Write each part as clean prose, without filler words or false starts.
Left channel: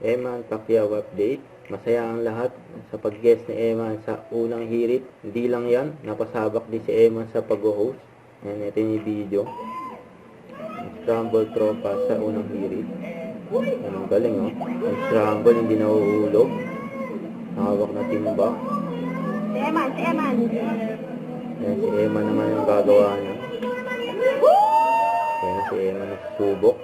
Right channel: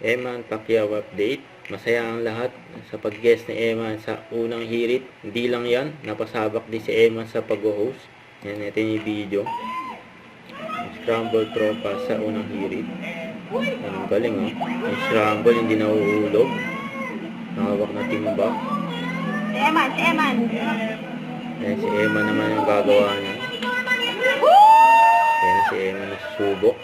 Eman Pacquiao update. Masaya ang lahat sa pag-guest ni Eman sa unang hirit. Hindi lang yan, napasabak din si Eman sa pag-host. Yan natin yung video. Scramble tropa sa unang hirit. Anong galing oh. Yung scramble hindi nauulog. Hawak na timba. Si Eman. Ayan si Eman naman yung gagawa niya. Ayan si Eman na susubok.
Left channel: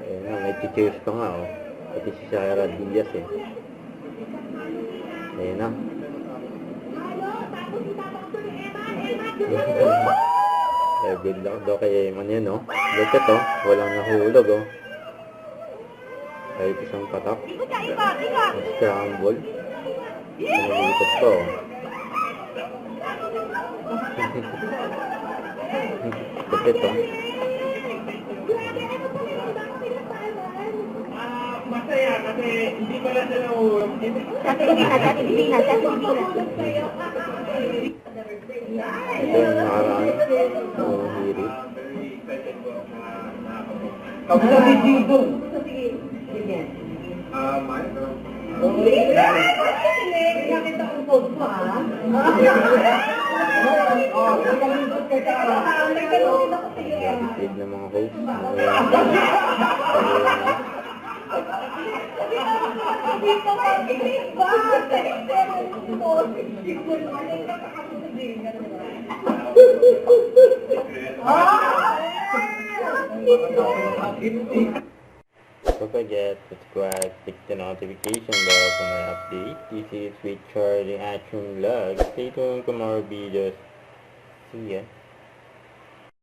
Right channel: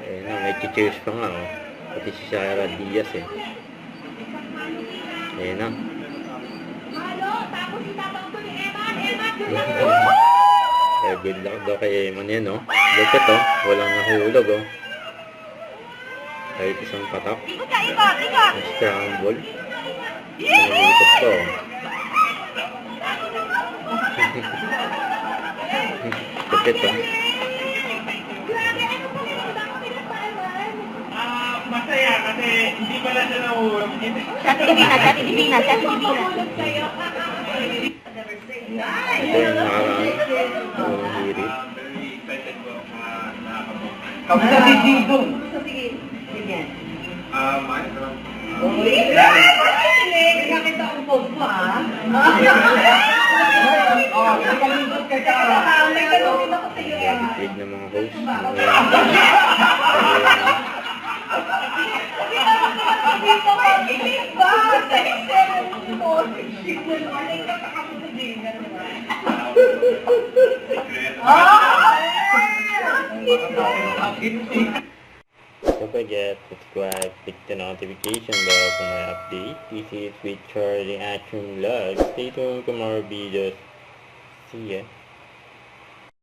Ayan na, may cheers pa nga oh. Pati si Sarah Diaz eh. Ayan na. Eh, good luck daw kay Eman yan oh. Look at oh, walang nahulog oh. Kahit isang patak. Scramble. Nalilikot pa oh. Kapit oh. Masaya kasi hindi pala siya nahulog. Sati Divina. Ito yung nakaraan. Unang hirit. Kamusta si Dito? Sige. Nakita ang post mo, ha? Nakalimot ka ka. Big na mga host. Don't forget to subscribe, click the notification bell for my update. This is with Charlie Action Vlog. Stay tuned for more videos. See ya.